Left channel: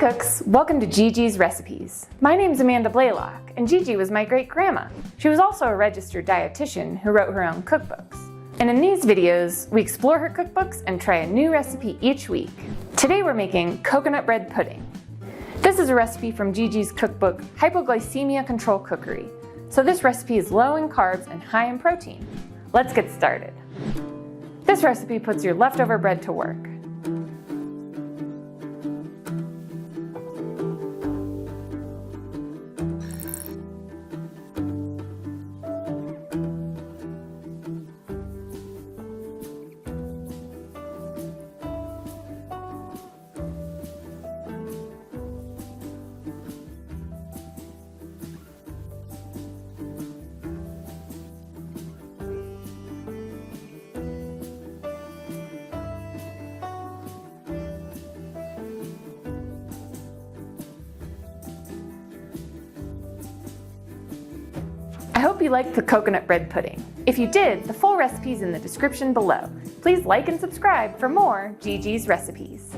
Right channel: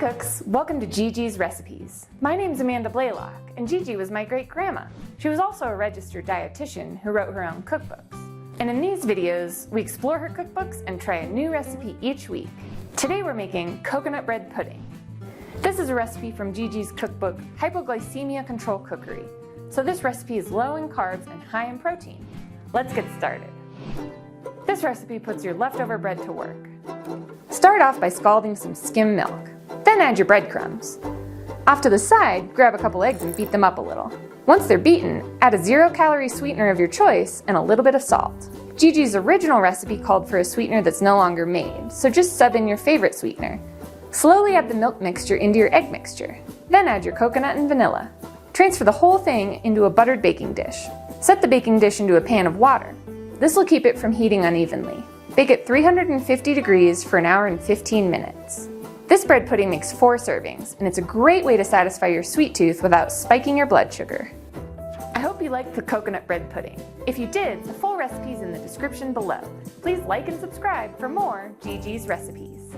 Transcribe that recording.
cooks, welcome to Gigi's Recipes. My name's Amanda Blaylock, and Gigi was my great-grandma. She was also a registered dietitian who wrote her own cookbooks. And in these videos, we explore her cookbooks and try a new recipe each week. Today we're making coconut bread pudding. This is a recipe from Gigi's cookbook, Hypoglycemia Control Cookery. So this recipe is low in carbs and high in protein. Let's get started. This recipe puts your leftover bread to work. Start off by scalding some skim milk. Then add your breadcrumbs. Off to the side, grab a couple eggs and beat them up a little. Once they're beaten, add a 0-calorie sweetener of your choice and a little bit of salt. Gigi's original recipe called for a sweetener that's no longer made, so just sub in your favorite sweetener. Slowly add the milk mixture into your egg mixture. Then add your coconut and vanilla. Transfer the whole thing into a buttered baking dish. Set the baking dish into a pan of water. This will keep it from heating unevenly. Bake at 350 degrees for an hour and 15 minutes. This bread pudding makes 4 servings, and it's a great way to satisfy your sweet tooth without spiking your blood sugar. I hope you liked the coconut bread pudding. If you did, the full recipe is in the description below. Please like and subscribe for more Gigi's Recipes.